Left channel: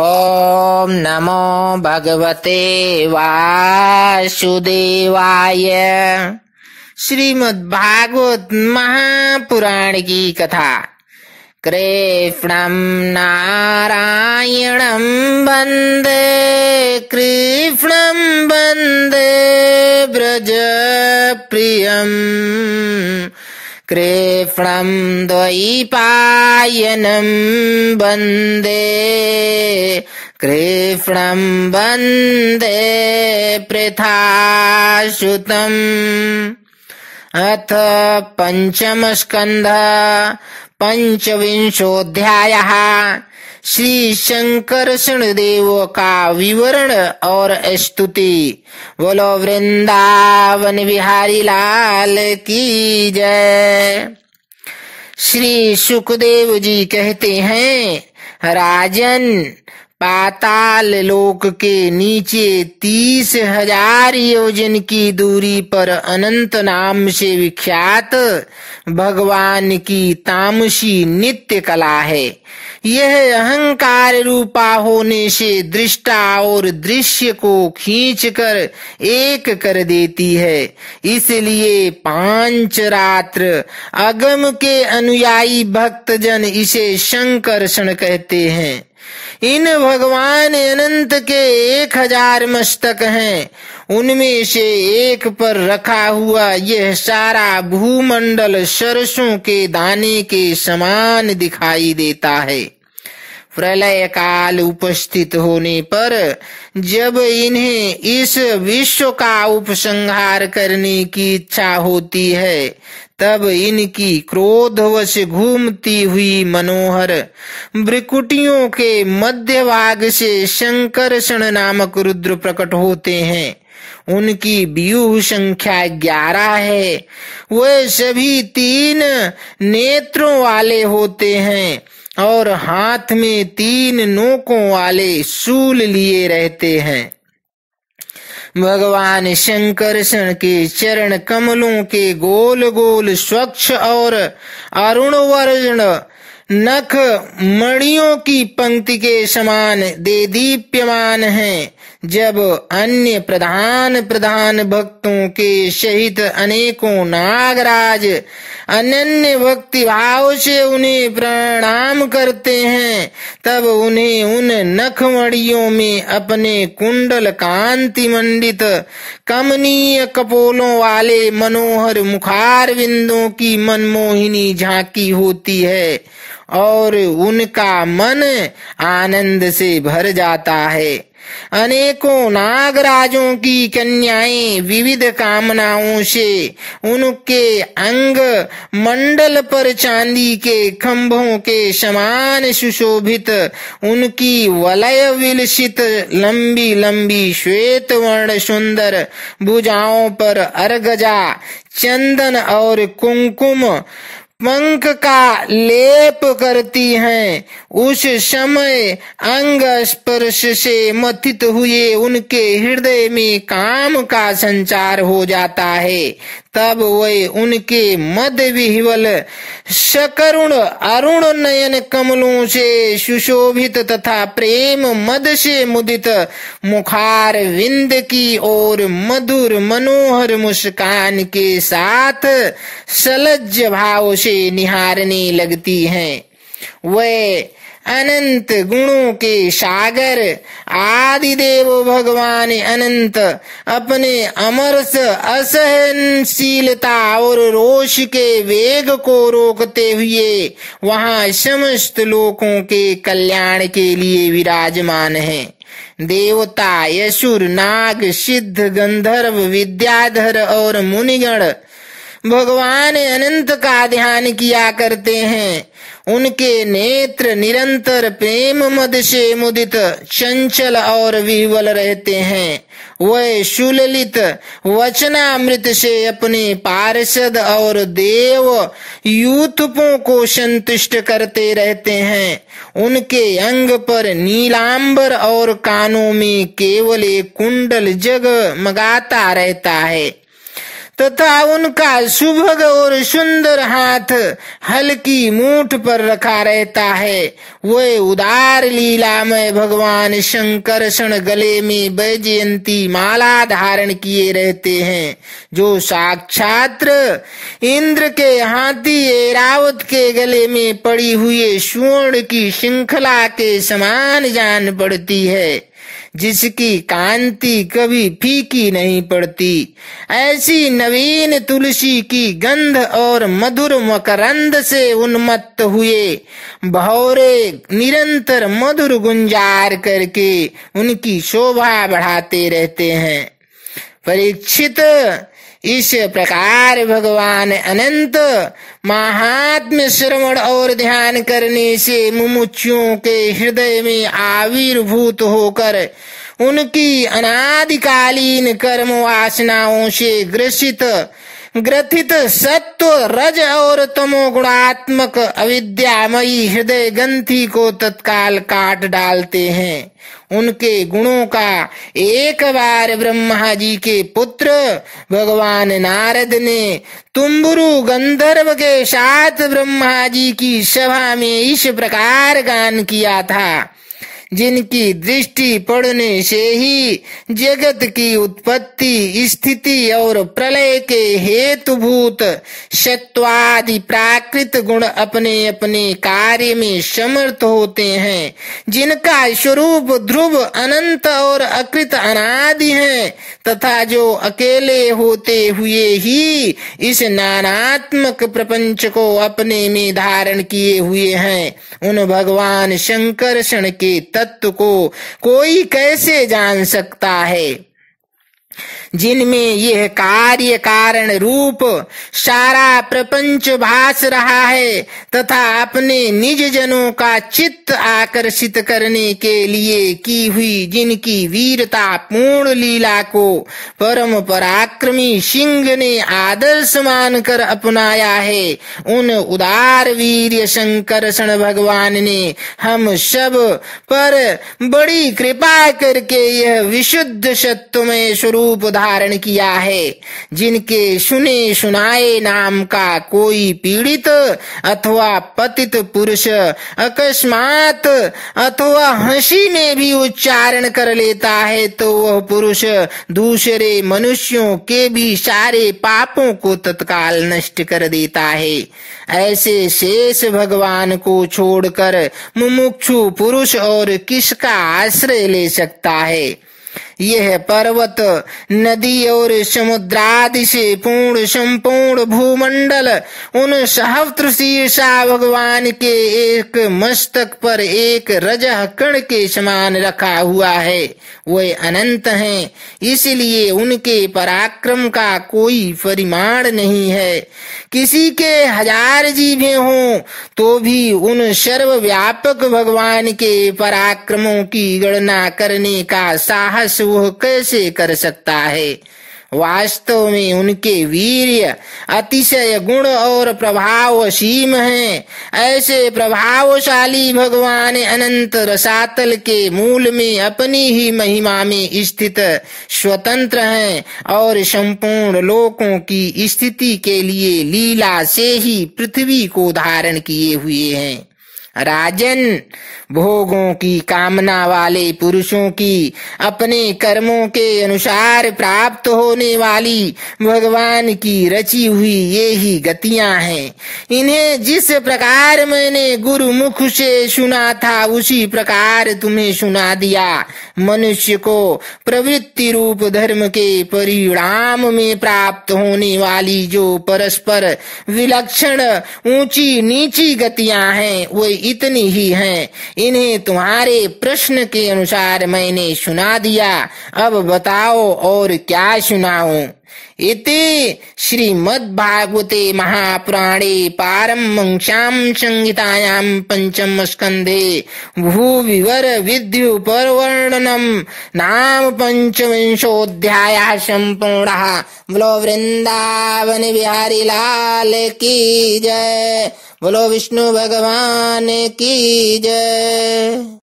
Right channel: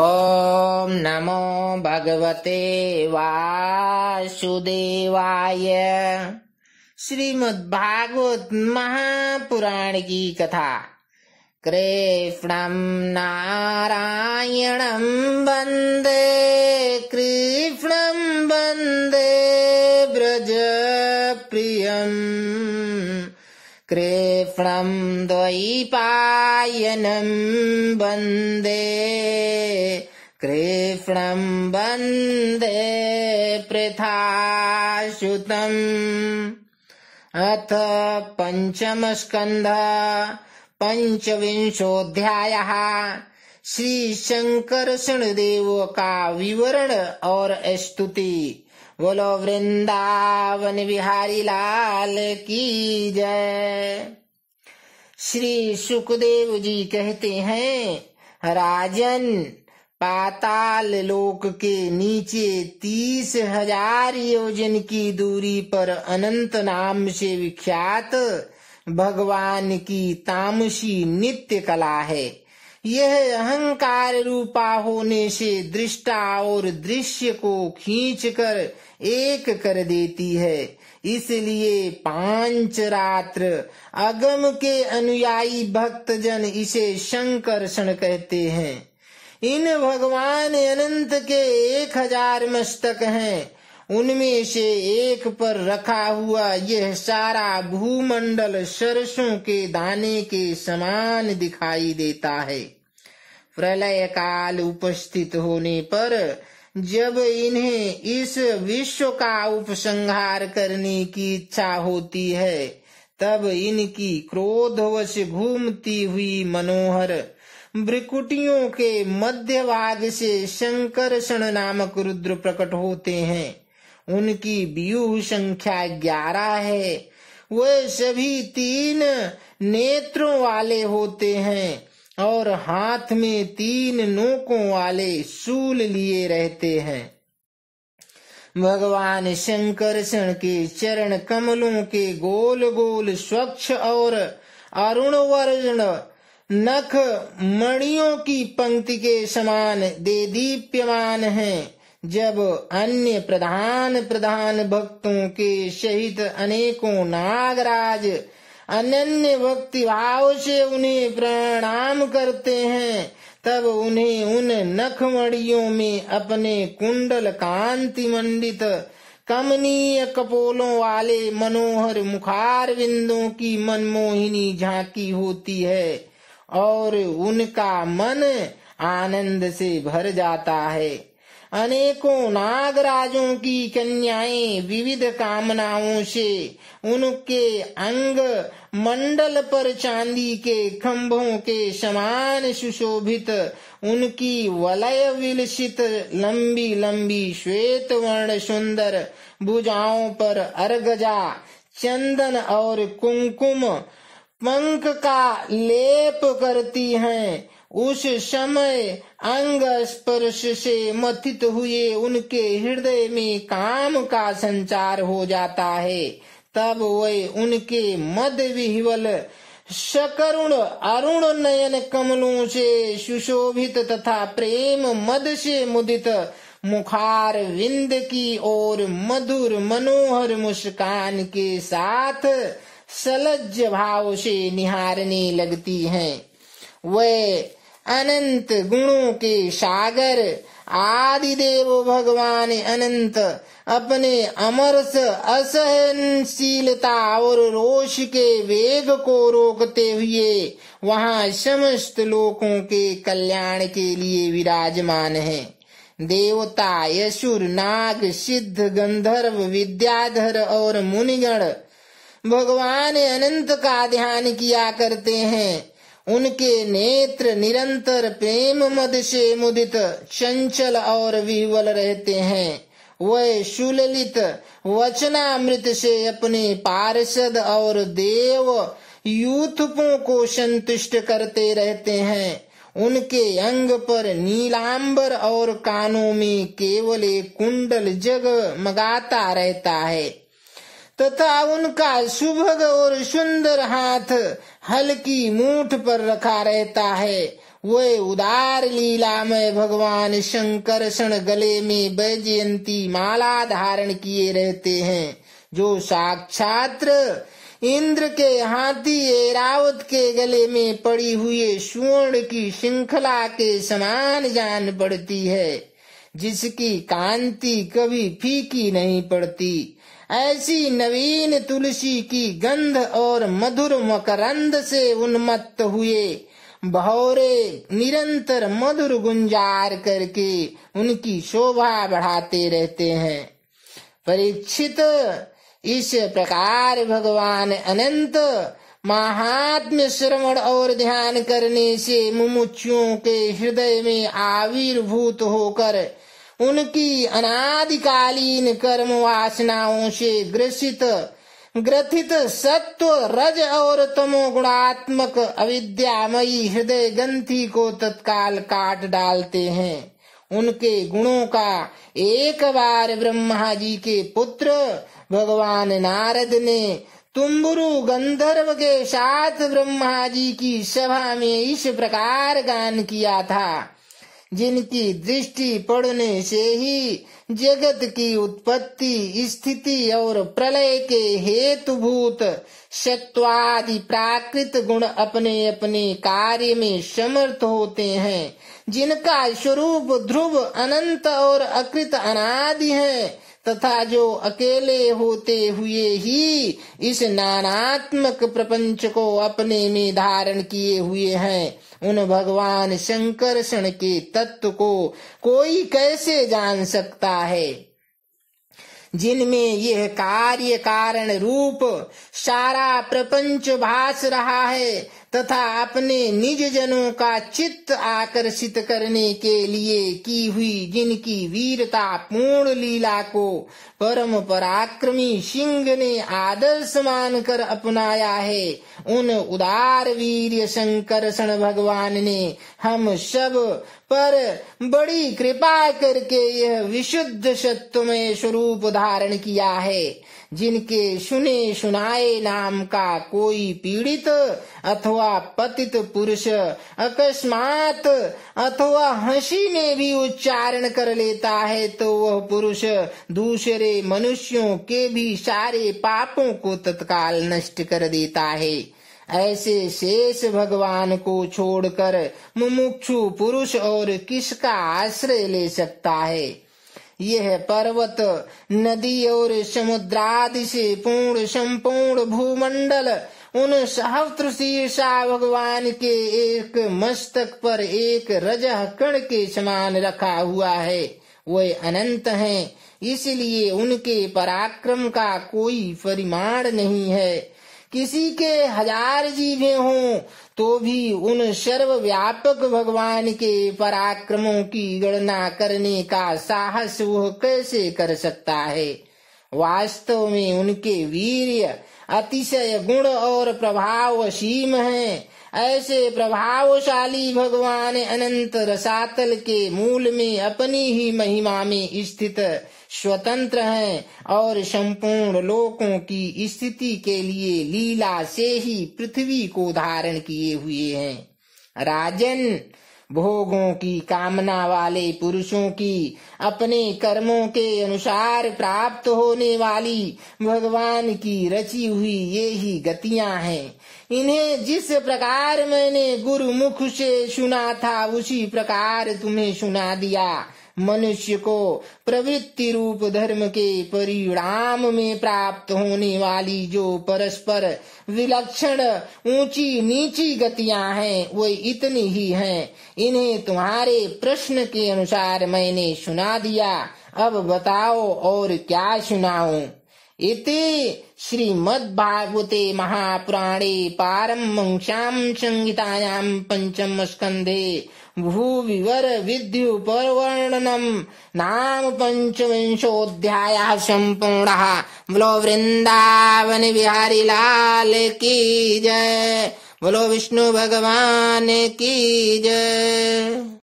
ओम नमो भगवते वासुदेवाय। श्रीमद्भागवत महापुराण की कथा। कृष्णं नारायणं वन्दे, कृष्णं वन्दे व्रजप्रियम्, कृष्णं द्वैपायनं वन्दे, कृष्णं वन्दे पृथासुतम्। अथ पंचम स्कन्धः पंचविंशोऽध्यायः। श्री शंकरषण देव का विवरण और स्तुति। बोलो वृंदावन बिहारी लाल की जय। श्री सुखदेव जी कहते हैं, राजन, पाताल लोक के नीचे 30,000 योजन की दूरी पर अनंत नाम से विख्यात भगवान की तामसी नित्य कला है। यह अहंकार रूपा होने से दृष्टा और दृश्य को खींचकर एक कर देती है। इसलिए 5 रात्र अगम के अनुयायी भक्तजन इसे शंकरषण कहते हैं। इन भगवान अनंत के 1000 मस्तक हैं। उनमें से एक पर रखा हुआ यह सारा भूमंडल सरसों के दाने के समान दिखाई देता है। प्रलय काल उपस्थित होने पर जब इन्हें इस विश्व का उपसंहार करने की इच्छा होती है, तब इनकी क्रोधवश घूमती हुई मनोहर भ्रिकुटियों के मध्य भाग से शंकरषण नामक रुद्र प्रकट होते हैं। उनकी व्यूह संख्या 11 है। वे सभी 3 नेत्रों वाले होते हैं और हाथ में 3 नोकों वाले शूल लिए रहते हैं। भगवान शंकरषण के चरण कमलों के गोल गोल स्वच्छ और अरुण वर्ण नख मणियों की पंक्ति के समान देदीप्यमान हैं। जब अन्य प्रधान भक्तों के सहित अनेकों नागराज अनन्य भक्ति भाव से उन्हें प्रणाम करते हैं, तब उन्हें उन नखमणियों में अपने कुंडल कांति मंडित कमनीय कपोलों वाले मनोहर मुखार बिंदों की मनमोहिनी झांकी होती है और उनका मन आनंद से भर जाता है। अनेकों नागराजों की कन्याएं विविध कामनाओं से उनके अंग मंडल पर चांदी के खंभों के समान सुशोभित उनकी वलय विलसित लंबी लंबी श्वेत वर्ण सुंदर भुजाओं पर अर्गजा चंदन और कुंकुम पंख का लेप करती हैं। उस समय अंग स्पर्श से मथित हुए उनके हृदय में काम का संचार हो जाता है। तब वे उनके मद विह्वल सकरुण अरुण नयन कमलों से सुशोभित तथा प्रेम मद से मुदित मुखार विंद की ओर मधुर मनोहर मुस्कान के साथ सलज्ज भाव से निहारने लगती हैं। वे अनंत गुणों के सागर आदिदेव भगवान अनंत अपने अमरस असहनशीलता और रोष के वेग को रोकते हुए वहां समस्त लोकों के कल्याण के लिए विराजमान हैं। देवता, असुर, नाग, सिद्ध, गंधर्व, विद्याधर और मुनिगण भगवान अनंत का ध्यान किया करते हैं। उनके नेत्र निरंतर प्रेम मद से मुदित चंचल और विह्वल रहते हैं। वह सुललित वचनामृत से अपने पार्षद और देव यूथपों को संतुष्ट करते रहते हैं। उनके अंग पर नीलांबर और कानों में केवल एक कुंडल जगमगाता रहता है तथा उनका सुभग और सुंदर हाथ हल्की मूठ पर रखा रहता है। वे उदार लीलामय भगवान शंकरषण गले में वैजयंती माला धारण किए रहते हैं, जो साक्षात इंद्र के हाथी ऐरावत के गले में पड़ी हुई स्वर्ण की श्रृंखला के समान जान पड़ती है, जिसकी कांति कभी फीकी नहीं पड़ती। ऐसी नवीन तुलसी की गंध और मधुर मकरंद से उन्मत्त हुए भौरे निरंतर मधुर गुंजार करके उनकी शोभा बढ़ाते रहते हैं। परीक्षित, इस प्रकार भगवान अनंत महात्म्य श्रवण और ध्यान करने से मुमुक्षुओं के हृदय में आविर्भूत होकर उनकी अनादिकालीन कर्म वासनाओं से ग्रथित सत्व रज और तमो गुणात्मक अविद्यामयी हृदय ग्रंथि को तत्काल काट डालते हैं। उनके गुणों का एक बार ब्रह्मा जी के पुत्र भगवान नारद ने तुम्बुरु गंधर्व के साथ ब्रह्मा जी की सभा में इस प्रकार गान किया था, जिनकी दृष्टि पड़ने से ही जगत की उत्पत्ति, स्थिति और प्रलय के हेतुभूत सत्वादि प्राकृत गुण अपने अपने कार्य में समर्थ होते हैं, जिनका स्वरूप ध्रुव अनंत और अकृत अनादि है, तथा जो अकेले होते हुए ही इस नानात्मक प्रपंच को अपने में धारण किए हुए हैं, उन भगवान शंकरषण के तत्व को कोई कैसे जान सकता है, जिनमें यह कार्य कारण रूप सारा प्रपंच भास रहा है, तथा अपने निज जनों का चित्त आकर्षित करने के लिए की हुई जिनकी वीरता पूर्ण लीला को परम पराक्रमी सिंह ने आदर्श मानकर अपनाया है। उन उदार वीर शंकरषण भगवान ने हम सब पर बड़ी कृपा करके यह विशुद्ध सत्वमय स्वरूप धारण किया है, जिनके सुने सुनाए नाम का कोई पीड़ित अथवा पतित पुरुष अकस्मात अथवा हंसी में भी उच्चारण कर लेता है, तो वह पुरुष दूसरे मनुष्यों के भी सारे पापों को तत्काल नष्ट कर देता है। ऐसे शेष भगवान को छोड़कर मुमुक्षु पुरुष और किसका आश्रय ले सकता है। यह पर्वत, नदी और समुद्रादि से पूर्ण संपूर्ण भूमंडल उन सहस्त्र शीर्षा भगवान के एक मस्तक पर एक रजह कण के समान रखा हुआ है। वे अनंत हैं, इसलिए उनके पराक्रम का कोई परिमाण नहीं है। किसी के 1000 जीभें हों तो भी उन सर्वव्यापक भगवान के पराक्रमों की गणना करने का साहस वह कैसे कर सकता है। वास्तव में उनके वीर्य, अतिशय गुण और प्रभाव असीम हैं। ऐसे प्रभावशाली भगवान अनंत रसातल के मूल में अपनी ही महिमा में स्थित स्वतंत्र हैं और संपूर्ण लोकों की स्थिति के लिए लीला से ही पृथ्वी को धारण किए हुए हैं। राजन, भोगों की कामना वाले पुरुषों की अपने कर्मों के अनुसार प्राप्त होने वाली भगवान की रची हुई ये ही गतियां हैं। इन्हें जिस प्रकार मैंने गुरुमुख से सुना था उसी प्रकार तुम्हें सुना दिया। मनुष्य को प्रवृत्ति रूप धर्म के परिणाम में प्राप्त होने वाली जो परस्पर विलक्षण ऊंची नीची गतियां हैं वो इतनी ही हैं। इन्हें तुम्हारे प्रश्न के अनुसार मैंने सुना दिया, अब बताओ और क्या सुनाऊं। इति श्रीमद्भागवते महापुराणे पारमहंस्यां संहितायां पंचम स्कंधे भूविवर विद्यु परवर्णनम नाम पंचविंशोऽध्यायः संपूर्णः। बोलो वृंदावन बिहारी लाल की जय। बोलो विष्णु भगवान की जय।